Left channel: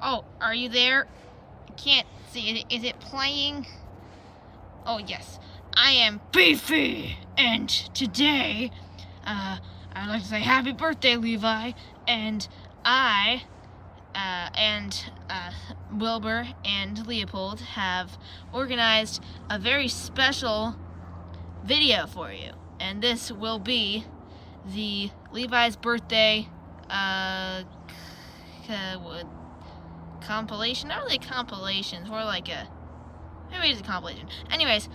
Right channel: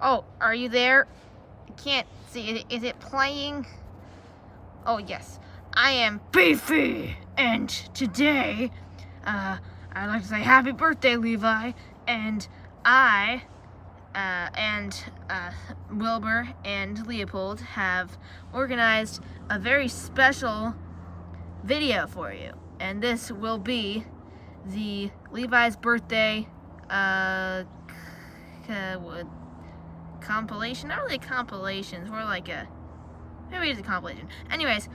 Oh, are you there? I can't see. Is it playing? Oh, yes. I am Beefy, and today, I'd like to say happy birthday, Levi, and I, Wilbur and Leopold have organized a very special video for you, and this will be the Levi's birthday, compilation. Not really a compilation, it's more like maybe it's a compilation. Anyways,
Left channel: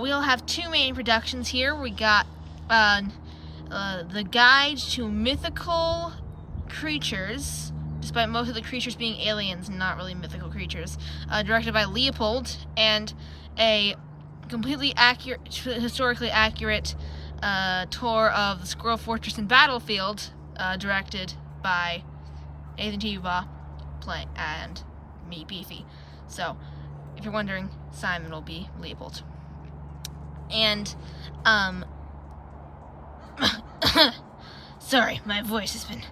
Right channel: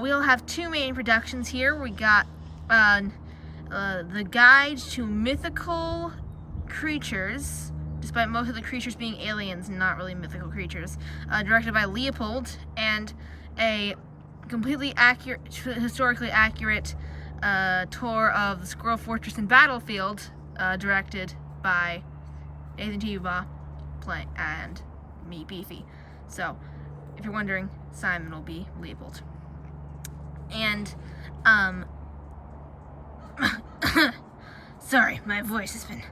we'll have two main productions here. We got the Guide to Mythical Creatures, despite most of the creatures being aliens, not really mythical creatures, directed by Leopold, and a completely accurate, historically accurate tour of the Squirrel Fortress and Battlefield, directed by Nathan Tuba, and me, Beefy. So, if you're wondering, Simon will be Leopold. And, sorry, my voice has been,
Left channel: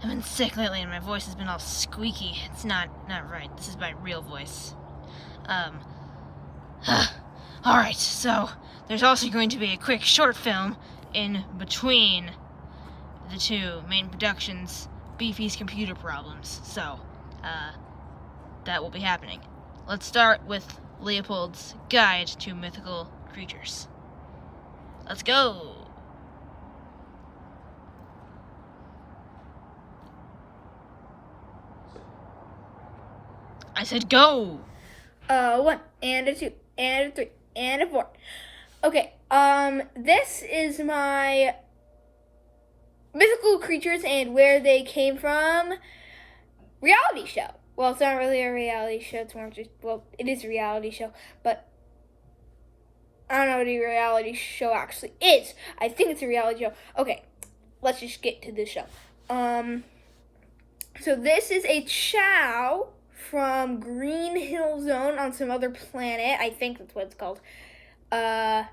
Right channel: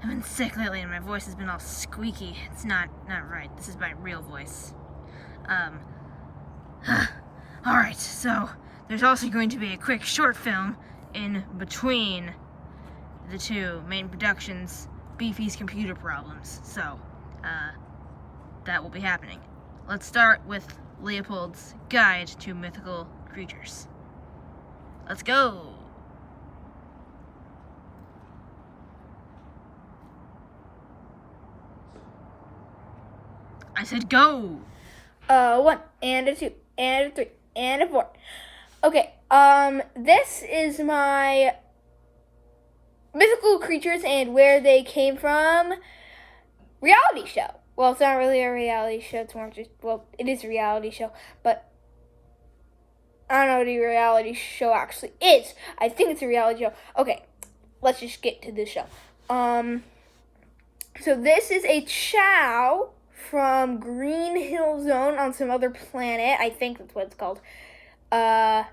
I've been sick lately and my voice has been all squeaky. It's not right. This is my real voice. Alright, so, there's also going to be a quick short film in between the two main productions, Beefy's computer problems. So, that will be happening. Let's start with Leopold's Guide to Mythical Creatures. Let's go! I said go! 1 and a 2 and a 3 and a 4. Okay, this is my mythical creatures and where they came from reality show. Well, it's not really a reality show, it's more just, well, it is a reality show, but I don't know what a reality show actually is. I think it's a reality show. Okay, let's just get to the show. So this is a Chow from Green Hill Zone on some other planet. I think that's what it's called. They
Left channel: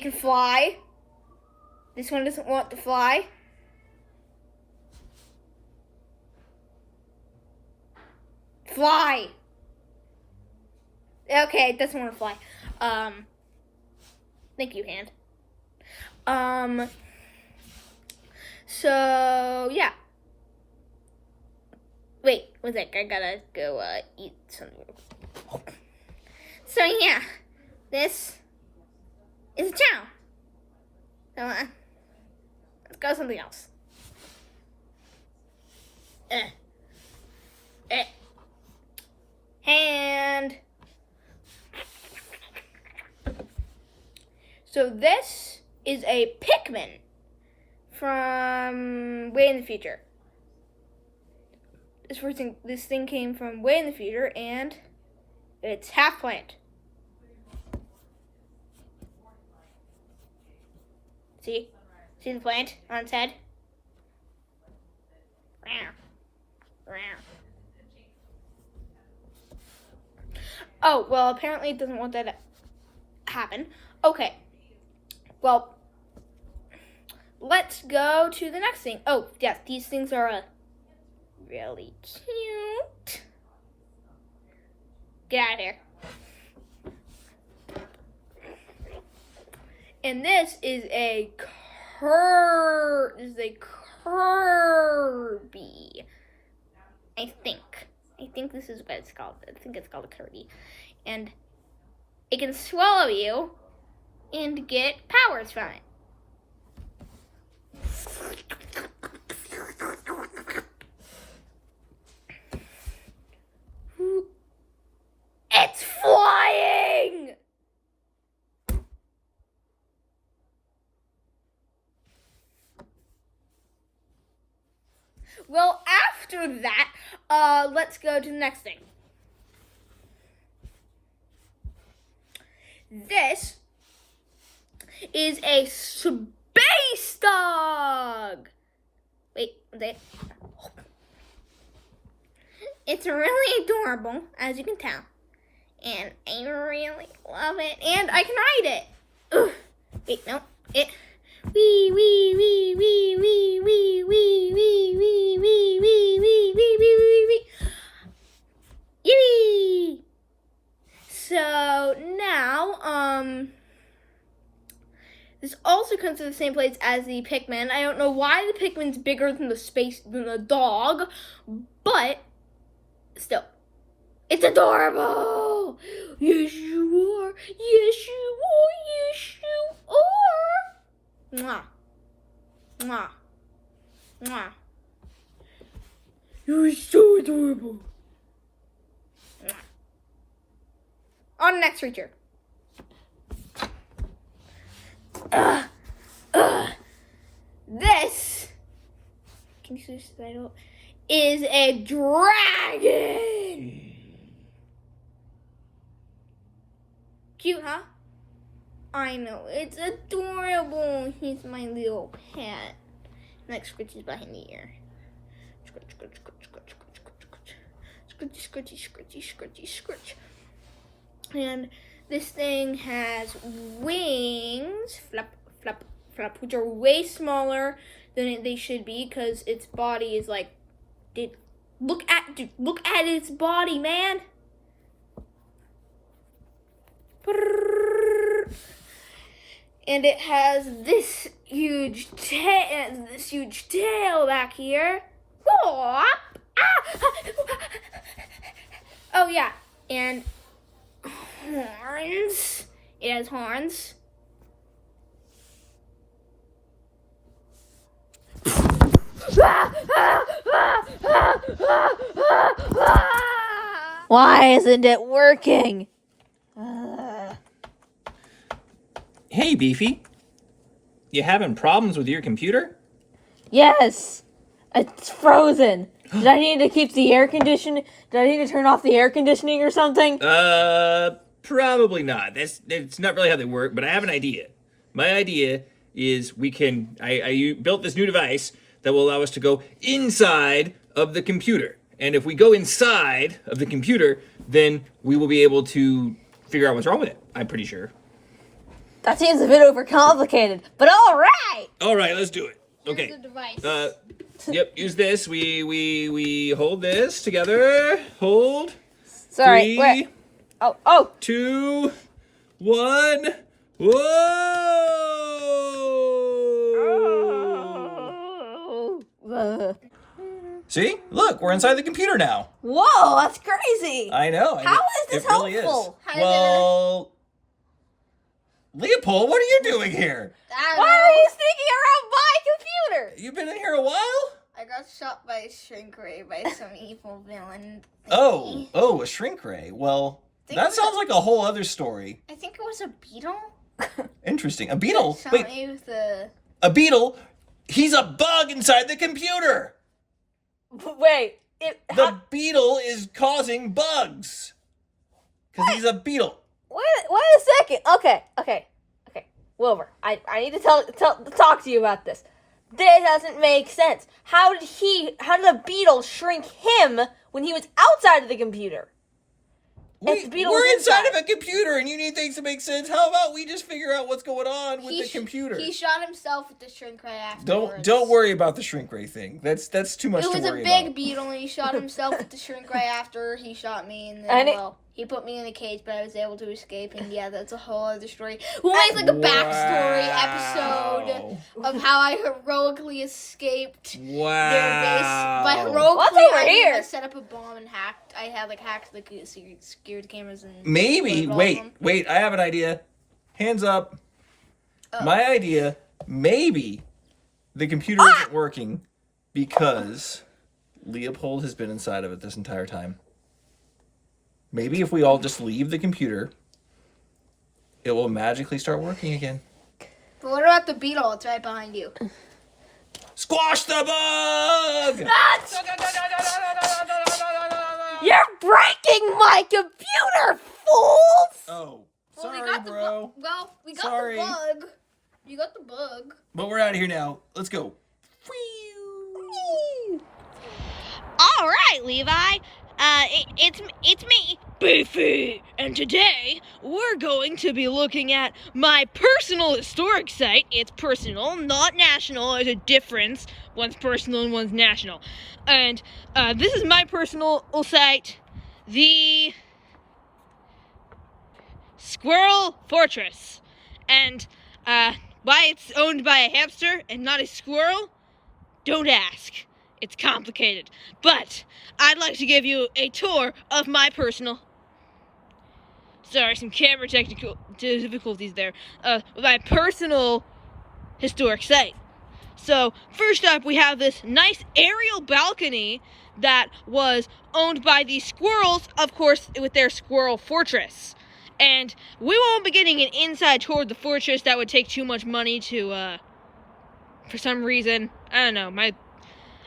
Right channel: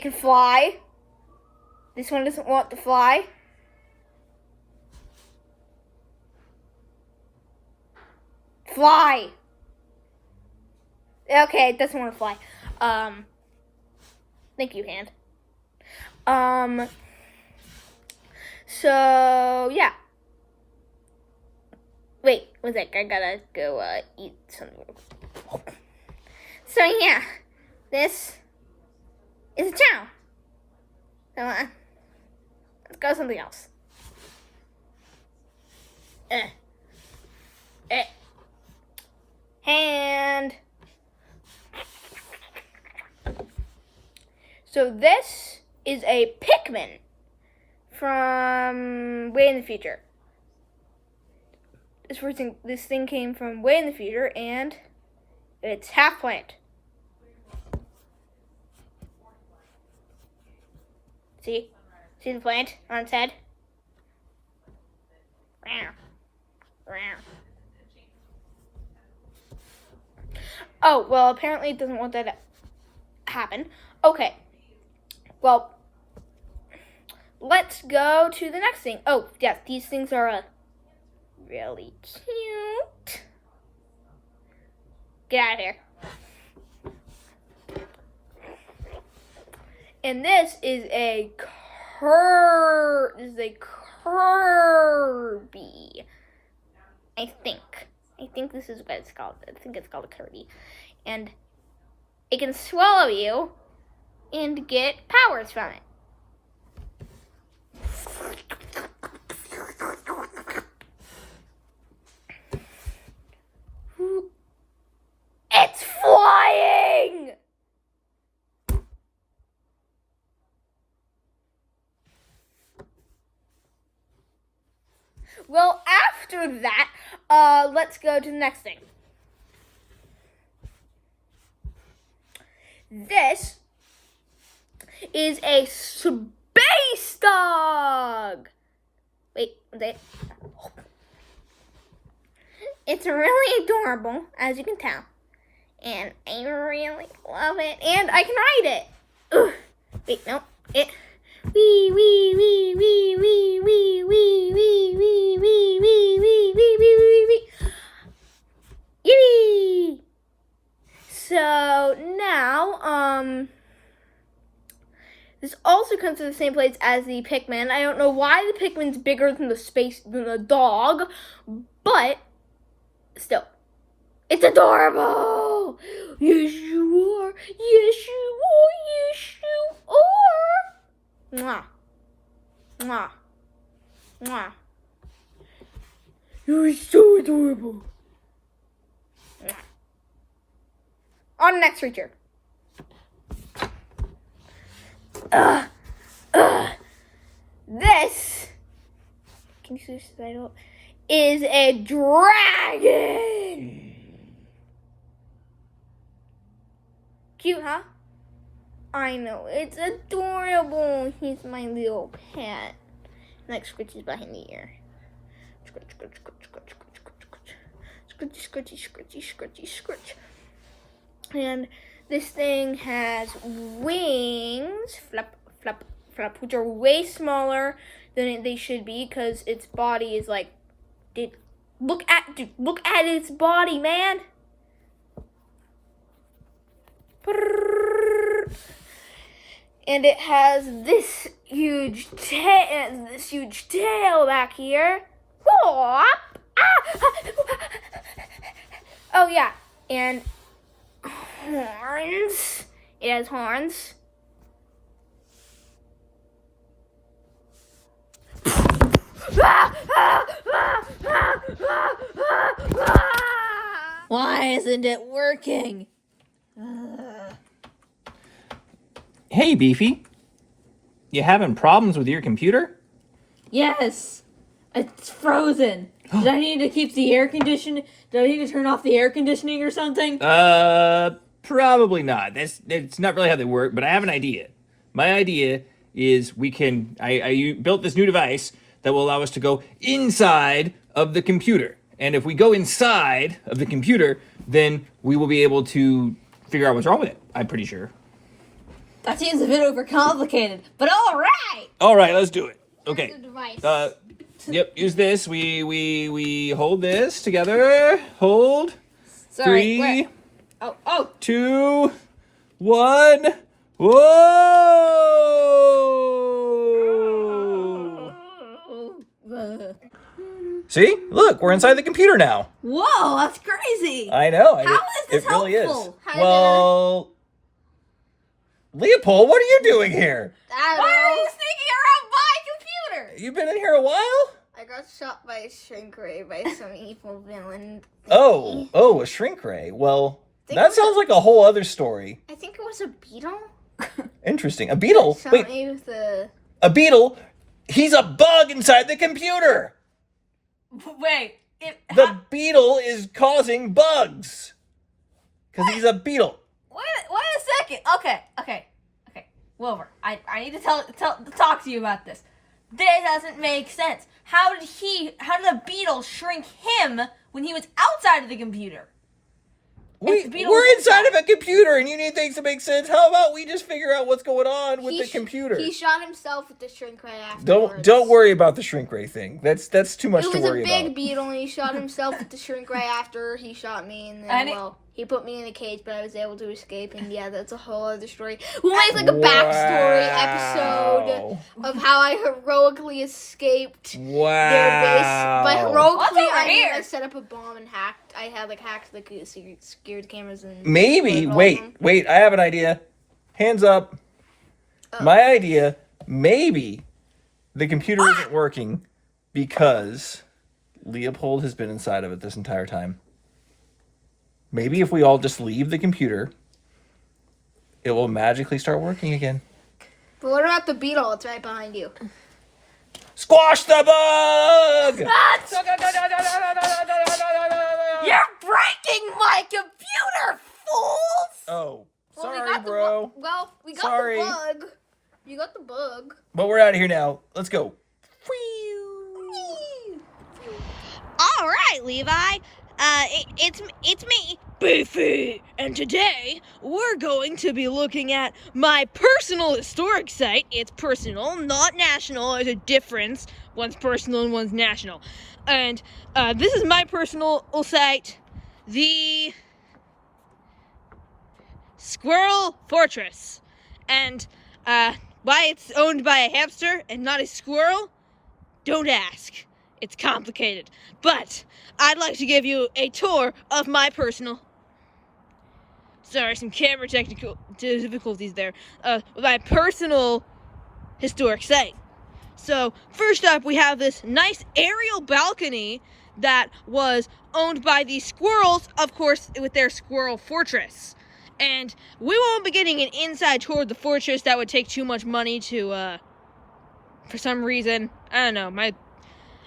can fly. This one doesn't want to fly. Fly! Okay, it doesn't want to fly. Thank you, hand. So, yeah. Wait, one sec, I gotta go, eat something. So, yeah. This is a Chow. Come on. Let's go something else. And so this is a Pikmin from way in the future. This thing came from way in the future, and it's half plant. See the plant on its head? Oh, well, apparently it doesn't want that to happen. Okay. Well, let's go to the next thing. Oh, yes, these things are really cute. Get out of here. And this is a Kirby. I think this is what it's called. I think it's called a Kirby. And it can swallow you and get powers from it. It's flying! Well, after that, let's go to the next thing. This is a space dog. Wait, it's really adorable, as you can tell. And I really love it. And I can ride it. Ooh. Wait, no. It. Wee, wee, wee, wee, wee, wee, wee, wee, wee, wee, wee, wee, wee, wee, wee, wee. also comes to the same place as the Pikmin. I don't know why the Pikmin's bigger than the dog, but still, it's adorable. Yes, you are. Yes, you are. Yes, you are. Mwah. Mwah. Mwah. You're so adorable. Mwah. On the next creature. This, can you see this title? Is a dragon. Cute, huh? I know, it's adorable. He's my little pet. Next scratch is behind the ear. Scratch, scratch, scratch, scratch, scratch, scratch, scratch, scratchy, scratchy, scratchy, scratch. And this thing has wings, flap, flap, flap, which are way smaller than they should be because its body is like, look at its body, man. And it has this huge tail back here. Oh yeah, and horns. It has horns. Why isn't it working? Hey, Beefy. You having problems with your computer? Yes, it's frozen. Did I need to keep the air conditioning? Did I need to turn off the air conditioning or something? Probably not. It's not really how they work, but I have an idea. My idea is I built this new device that will allow us to go inside of the computer. And if we go inside of the computer, then we will be able to figure out what's wrong with it, I'm pretty sure. That seems a bit overcomplicated, but all right. All right, let's do it. Okay. The device. Yep, use this. We hold this together. Hold. Sorry. 3, Wait. Oh. 2, 1. Whoa! See? Look, we're inside the computer now. Whoa, that's crazy. I know. How is this it really helpful? is. Well, Leopold, what are you doing here? Why are you sneaking around my computer? You've been in here a while? I got shot by a shrink ray by some evil villain. Oh, a shrink ray. Well, that sounds like a whole other story. I think it was a beetle. Interesting. A beetle? Shot Wait, me with a... a beetle? He's a bug inside the computer. Wait. The beetle is causing bugs. Because he's a beetle. Wait a second. Okay. Wilbur, I need to talk to you about this. This doesn't make sense. How did the beetle shrink him when he was outside of the computer? We're inside of a computer and you need things to make sense. How about we just figure out what's going on with the computer? He shot himself with the shrink ray afterwards. Don't worry about the shrink ray thing. That's too much to worry about. It was a big beetle and he shot himself with the shrink ray after he shot me and then, he put me in a cage, but I was able to escape, and yeah, that's a whole other story. We'll make like a backstory episode of how I heroically escaped their base. But heroically, I set up a bomb and hacked. I had hacked the security cameras and... Maybe, wait, I have an idea. Hands up. My idea, maybe the computer isn't working because Leopold has been inside of it this entire time. Maybe if we all just leave the computer, it will magically start working again. But what about the beetle? It's right behind you. Squash the bug! You're breaking my computer, fools! Oh, Well, sorry, bro. We got the bug. You got the bug. But we're out of here now. Let's go. All right, Levi. It's me, Beefy, and today we're going to be looking at my personal historic site. It's personal, not national. There's a difference. One's personal and one's national. And this is my personal site, the Squirrel Fortress. And why it's owned by a hamster and not a squirrel? Don't ask. It's complicated. But I'd like to give you a tour of my personal... Sorry, some camera technical difficulties there. My personal historic site. So, first up, we have this nice aerial balcony that was owned by the squirrels, of course, with their squirrel fortress. And we won't be getting an inside tour of the fortress. That would take too much money to, for some reason. I don't know.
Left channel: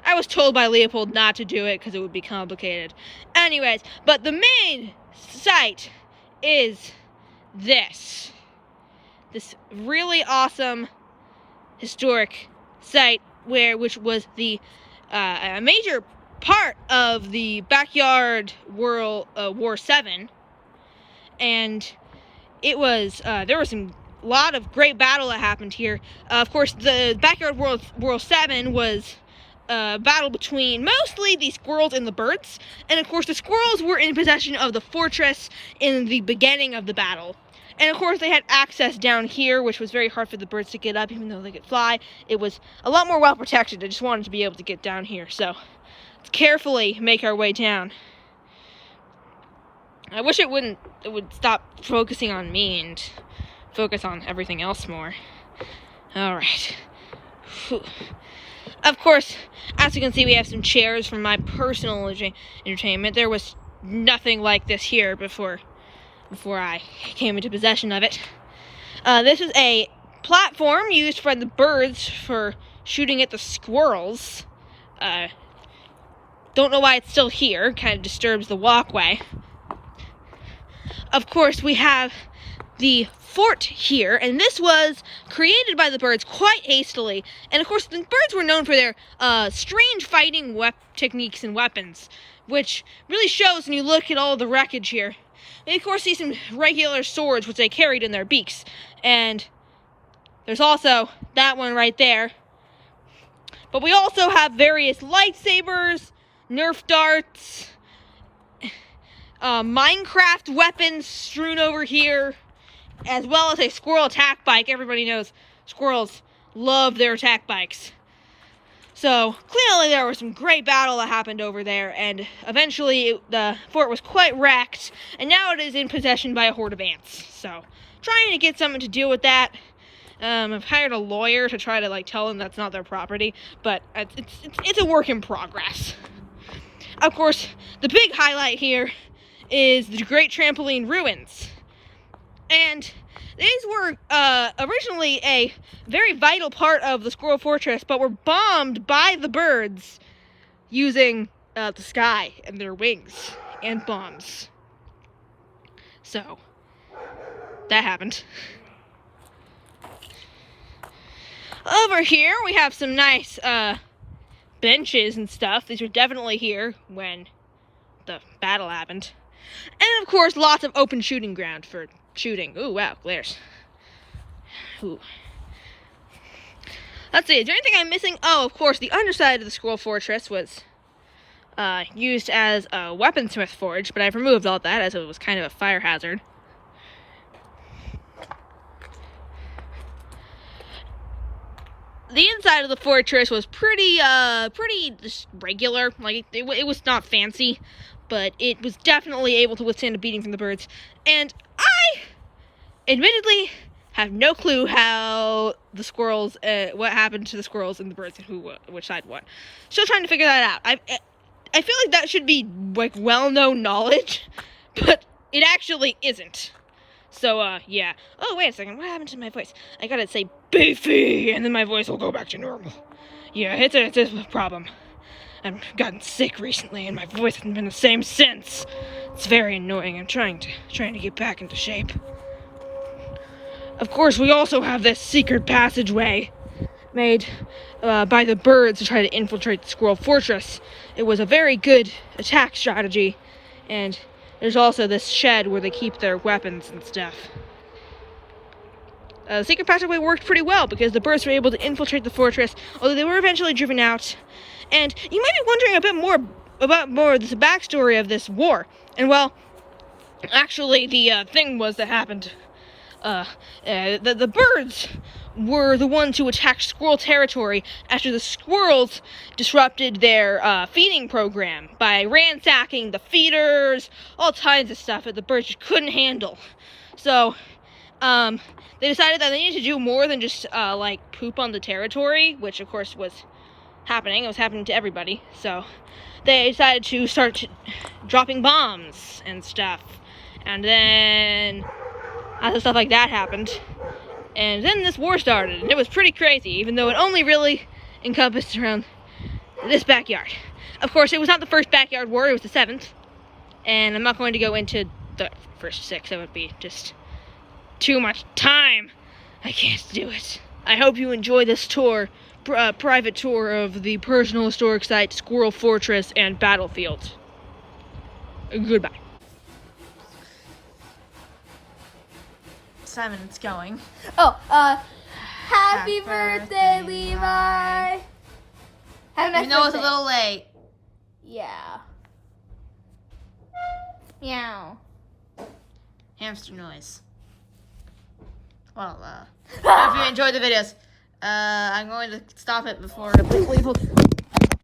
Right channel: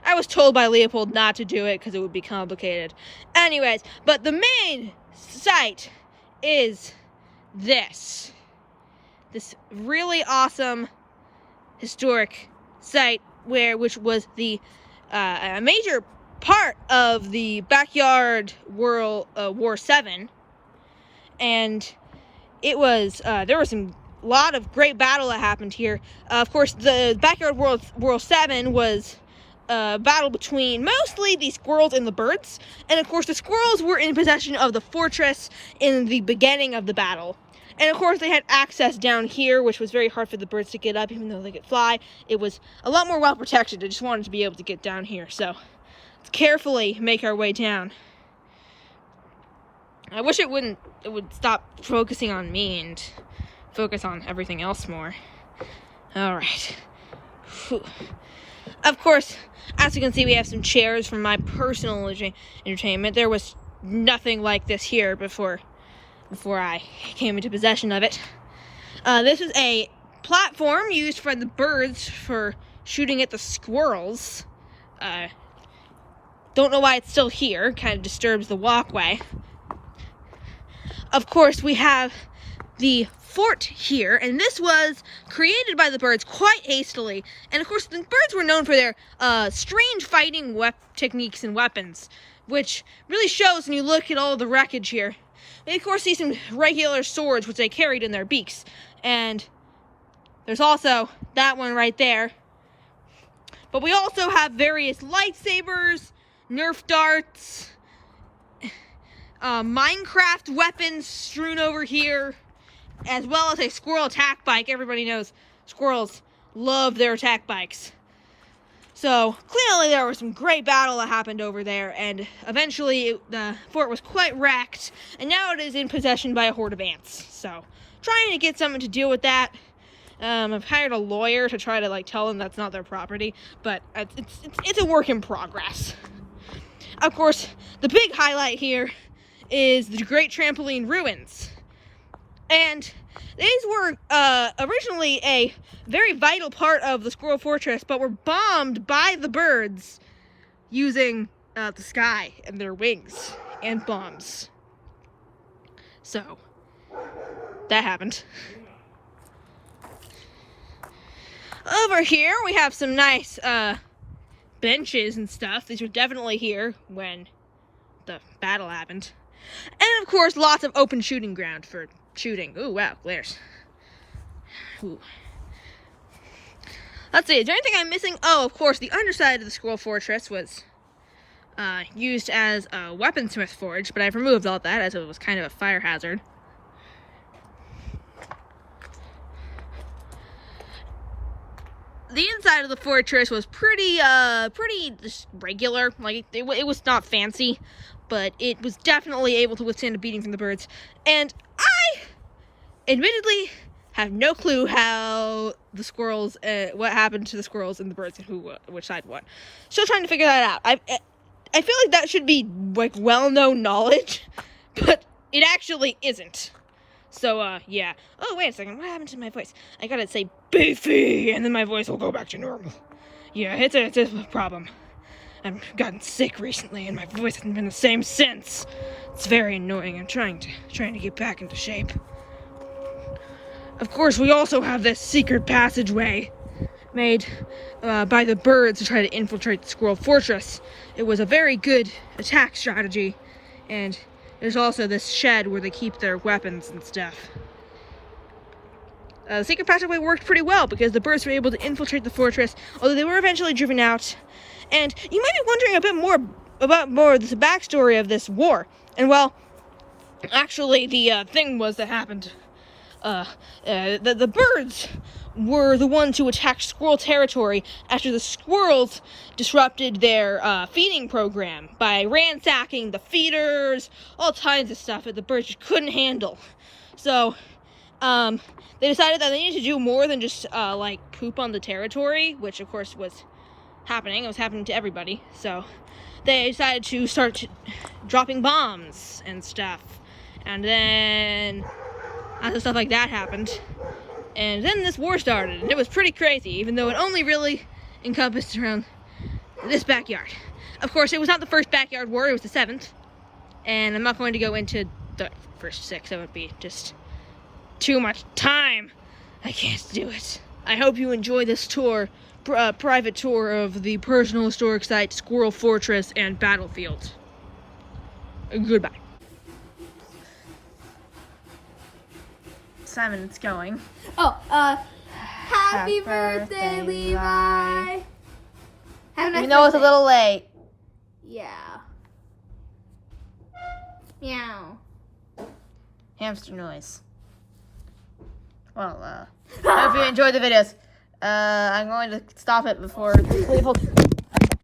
I was told by Leopold not to do it because it would be complicated. Anyways, but the main site is this really awesome historic site which was the a major part of the backyard War 7, and it was there was a lot of great battle that happened here. Of course, the backyard War 7 was battle between mostly the squirrels and the birds, and of course the squirrels were in possession of the fortress in the beginning of the battle, and of course they had access down here, which was very hard for the birds to get up. Even though they could fly, it was a lot more well protected. I just wanted to be able to get down here, so let's carefully make our way down. I wish it would stop focusing on me and focus on everything else more. Alright. Of course, as you can see, we have some chairs for my personal entertainment. There was nothing like this here before I came into possession of it. This is a platform used by the birds for shooting at the squirrels. Don't know why it's still here. Kind of disturbs the walkway. Of course, we have the fort here, and this was created by the birds quite hastily. And of course, the birds were known for their strange fighting techniques and weapons, which really shows when you look at all the wreckage here. We of course see some regular swords which they carried in their beaks, and there's also that one right there. But we also have various lightsabers, Nerf darts, Minecraft weapons strewn over here, as well as a squirrel attack bike. Everybody knows squirrels love their attack bikes. So, clearly there was some great battle that happened over there, and eventually the fort was quite wrecked, and now it is in possession by a horde of ants. So, trying to get something to deal with that. I've hired a lawyer to try to, tell them that's not their property, but it's a work in progress. Of course, the big highlight here is the Great Trampoline Ruins. And these were originally a very vital part of the Squirrel Fortress, but were bombed by the birds using the sky and their wings and bombs. So, that happened. Over here, we have some nice benches and stuff. These were definitely here when the battle happened. And, of course, lots of open shooting ground for shooting. Ooh, wow, glares. Ooh. Let's see, is there anything I'm missing? Oh, of course, the underside of the Squirrel Fortress was used as a weaponsmith forge, but I've removed all that as it was kind of a fire hazard. The inside of the fortress was pretty just regular. It was not fancy, but it was definitely able to withstand a beating from the birds. And I, admittedly, have no clue how the squirrels, what happened to the squirrels and the birds and which side won. Still trying to figure that out. I feel like that should be, well-known knowledge, but it actually isn't. So, yeah. Oh, wait a second. What happened to my voice? I gotta say beefy, and then my voice will go back to normal. Yeah, it's a problem. I've gotten sick recently, and my voice hasn't been the same since. It's very annoying. I'm trying to get back into shape. Of course, we also have this secret passageway made by the birds to try to infiltrate the Squirrel Fortress. It was a very good attack strategy, and there's also this shed where they keep their weapons and stuff. The secret passageway worked pretty well because the birds were able to infiltrate the fortress, although they were eventually driven out. And you might be wondering a bit more about the backstory of this war. And well, actually the thing was that happened the birds were the ones who attacked squirrel territory after the squirrels disrupted their feeding program by ransacking the feeders, all kinds of stuff that the birds just couldn't handle. So, they decided that they needed to do more than just, like, poop on the territory, which, of course, was happening. It was happening to everybody. So, they decided to start dropping bombs and stuff. And then other stuff like that happened. And then this war started, and it was pretty crazy, even though it only really encompassed around this backyard. Of course, it was not the first backyard war, it was the 7th. And I'm not going to go into the first 6, that would be just too much time. I can't do it. I hope you enjoy this tour, private tour of the personal historic site, Squirrel Fortress, and Battlefield. Goodbye. Simon, it's going. Oh, happy birthday, Levi. Have a nice Even though it's a birthday. little late. Yeah. Meow. Hamster noise. Well, I hope you enjoyed the videos. I'm going to stop it before Leopold